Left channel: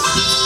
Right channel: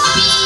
мати,